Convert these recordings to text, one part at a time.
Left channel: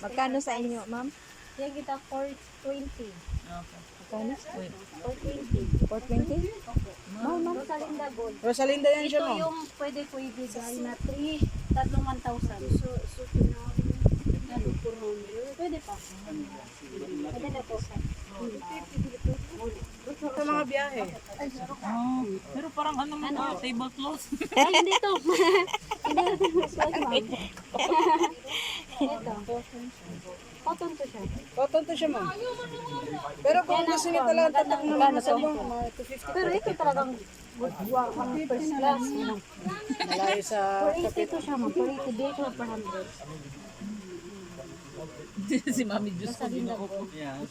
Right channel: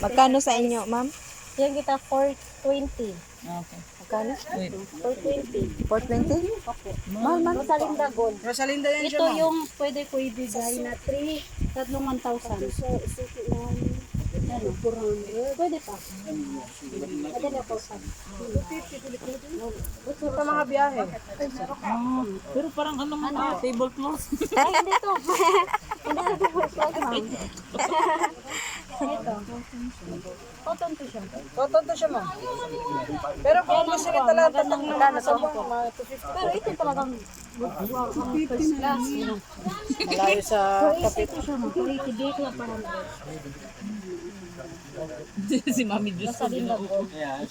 Magkano sa inyo, ma'am? Yan kita 420. Okay. Magkano? Wait. 420. 420? Opo. Mahal man. Rosalinda Gold. Rosalinda yan siya, Ito ma'am. yung pwede ko ibigay na tatlong 1,000. So, ano? Pwede pa. Pwede na po sa. Sa mga biyahe. Pero parang ano mo tablecloth. Ay, hindi to. Hindi na ito. Ma'am. Ito. Cotton to siya. Cotton to siya, ma'am. Pero kung gusto niya talaga tatak na mga sabong, mga 250. Pero ito talagang buwang ang first class. Malayo sa kapit. Ito siya, quality bake lang pa Si Mami Diyos ko. Rosalinda Gold. Kaya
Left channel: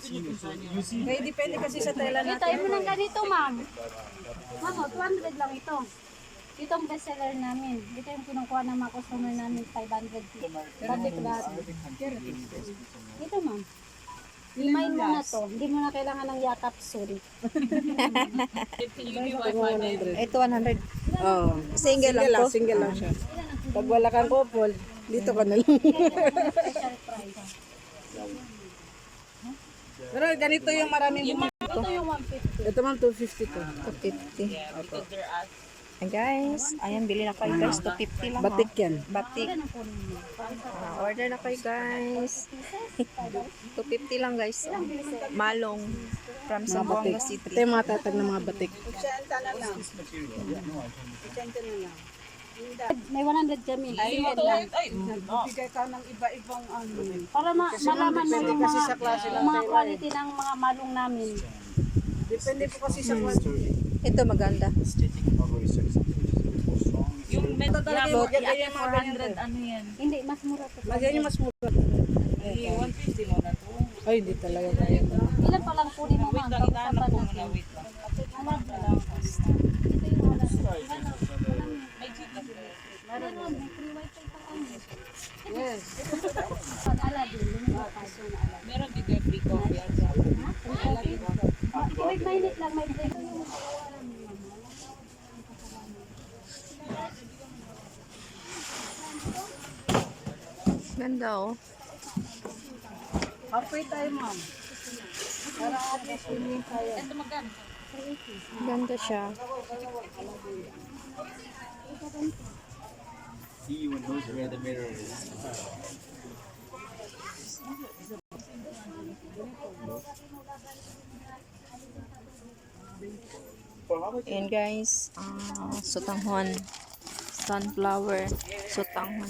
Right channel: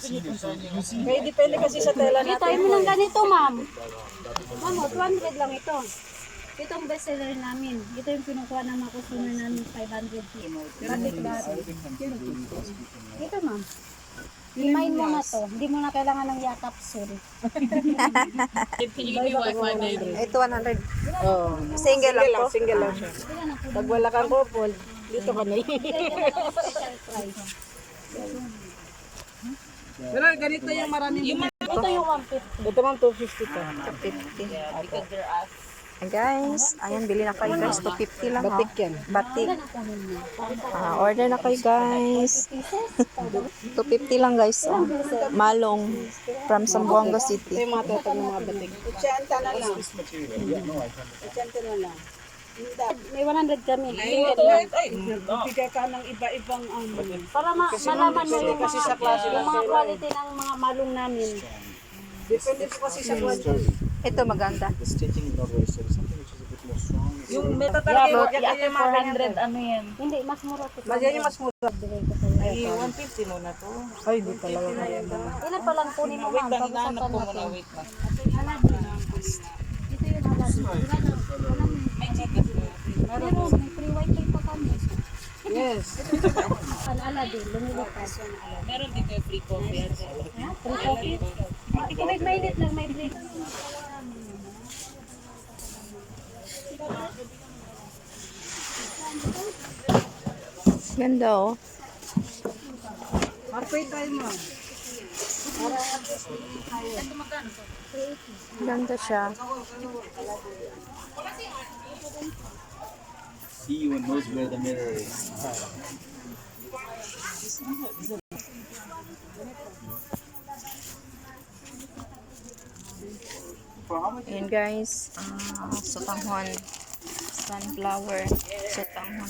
depende kasi sa tela natin. Kita mo lang ganito, ma'am. Ma'am, 200 lang ito. Itong bestseller namin. Ito yung kinukuha ng mga customer namin, 500 batik dati. Ito, ma'am. Limain mo na to. Hindi mo na kailangan ng yakap, sorry. Ito 100. Oh. Single lang po. Single lang siya. Ilan ang Pag wala kang couple, dito ka na lang. special price? Pero ganito yung maraming bumili. Ito yung 150. Ito ma'am, 250 to. 250. Because they're asked. Guys, ayan, bili na kayo guys. 250 lang. Batik yan. Batik. Ilan ang kunin mo? Order na kayo guys. 250 lang guys. Oh. Malong from Zamboanga Ito City. yung mga tetag ng mga batik. Isyanta na lang. Isyanta na lang. May 100 kami. Single lang. Bibigay ka ng iba-ibang Para malaman mo depende yung kasi sa klase ng yung mga tela. quality ng mga malong namin. Depende po kasi sa quality. Ito maganda. Yung meta Talaga yung talaga ganyan yung mga 400 ano yan. Hindi, mas mura to. Lagyan yung mas mura. Ay, 150 mo na to. Ay, hindi talaga kaya ito. Ilan pa lang kunin mo, Wait ma'am? lang, inaanap Pag-usapan ko muna. natin. Wait lang. Aladdin. Ito yung Aladdin. Ilan na? Walang Ay, chicken. meron. May free wifi pa kami. Yes. Ang Aladdin, lumilipas. Meron dito yung free coffee. Free coffee. Wait, mainit lang. May break. Ganda oh. Harpay tayo ma'am. Para at least hindi tayo. Ganda siya. He even knows where the mirror is. For how much? Ayan guys. Sutanghon. Sunflower. Sutanghon.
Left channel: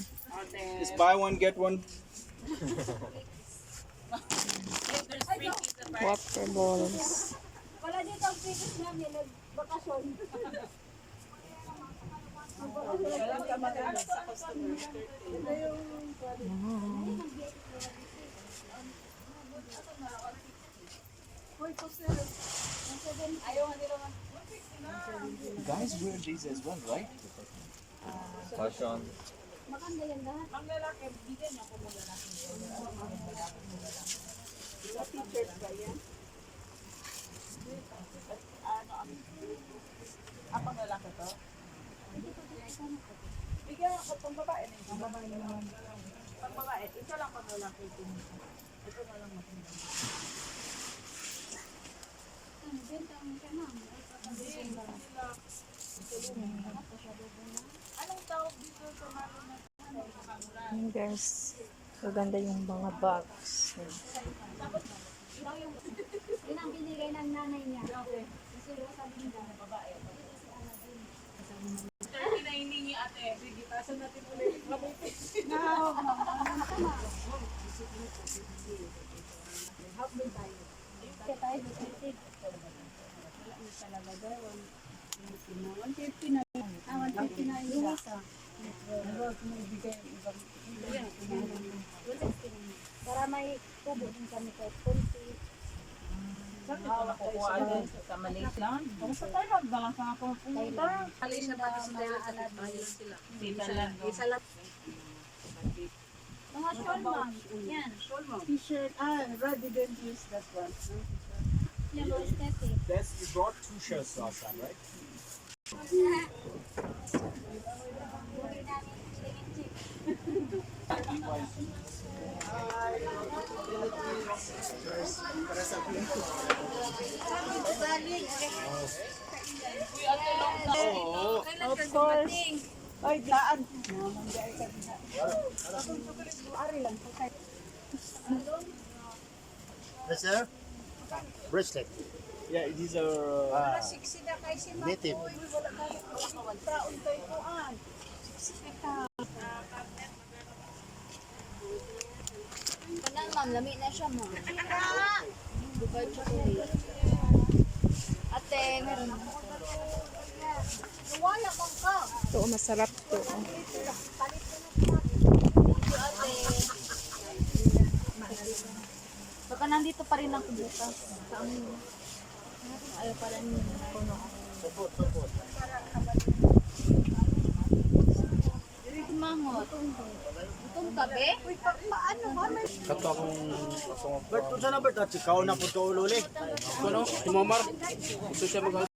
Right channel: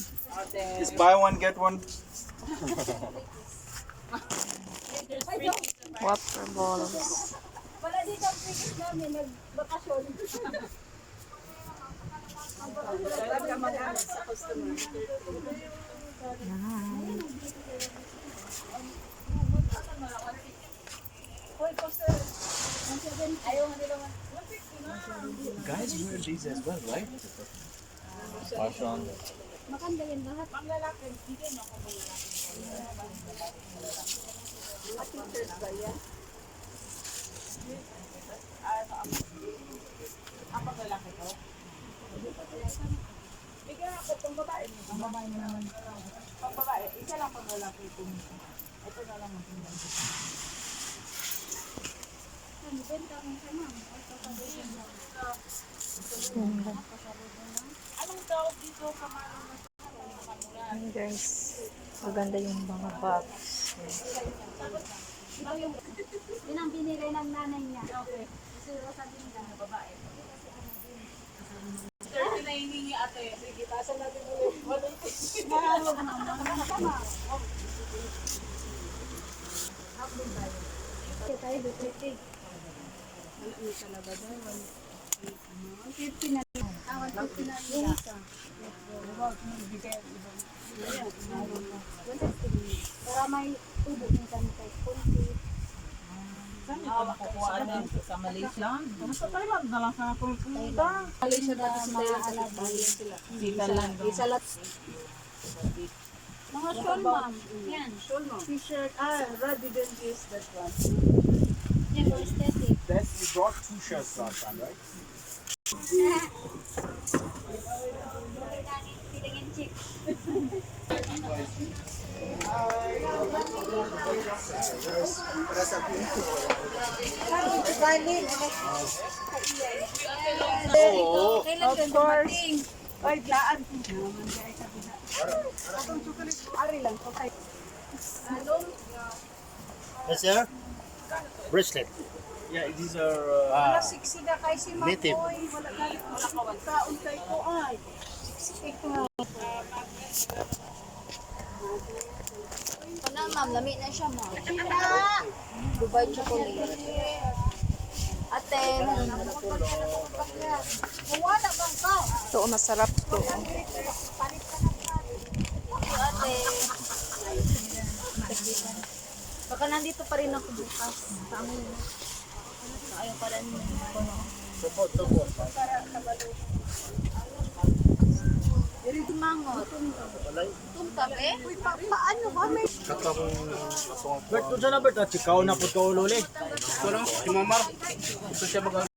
Just buy one, get one. Water balls. Wala dito ang tickets namin. Nagbakasyon. Guys wear these as well, right? Fashion. Maganda yan lahat. Pang lalaki to? Bigyan ako pang babae. Pang babae naman. Pang babae. Isa lang pang lalaki ito. Ito na lang maganda. Benta mo kay ma'am. Anong tawag dito sa mga Ayan guys. Maganda yung mga bags. Yun ang binigay ng nanay niya. Okay. Gusto ko sabihin ka na babae. 30 na hiningi ate. Sige, taasan natin ulit. Kaya tayo, 230. Wala mo talaga daw. 150 na. 150 na yung isa. Para may tubo yung kami kahit kunti. Saan ito nakukuha din? Sa Malaysia? Sa Thailand na lang sa ako pumunta. Malaysia pa sa mga Aladdin. Sa Thailand. Isalat. Mga shawl, ma'am. Yan. T-shirt. Rod didn't use that one. Yan, for aesthetic. That's you brought 2 shirts last time, right? Feeling in cheap. Of course. Ay, daan. Ari lang. Okay. Yes, sir. Bracelet. Yeah, these are. Siksi na kay si Makoy. Native. Wala ka taon kay ko ay. Siksi ka. Ito na, ma'am. Lami na siya, ma'am. Dubai chocolate. Ate, meron ako. Wala bang ka? Ito, masarap to. Thank you, ate. Baka nandito pa rin ako bukas. Sa amin. Ayaw pa rin puno. Tupot. Diri mangot. Itong tabi? Uy, paano ba? May Kato akong... Bert, ito na Bert. At ikaw na po ito ululi. Ito no, si Mamar. Ito siya mag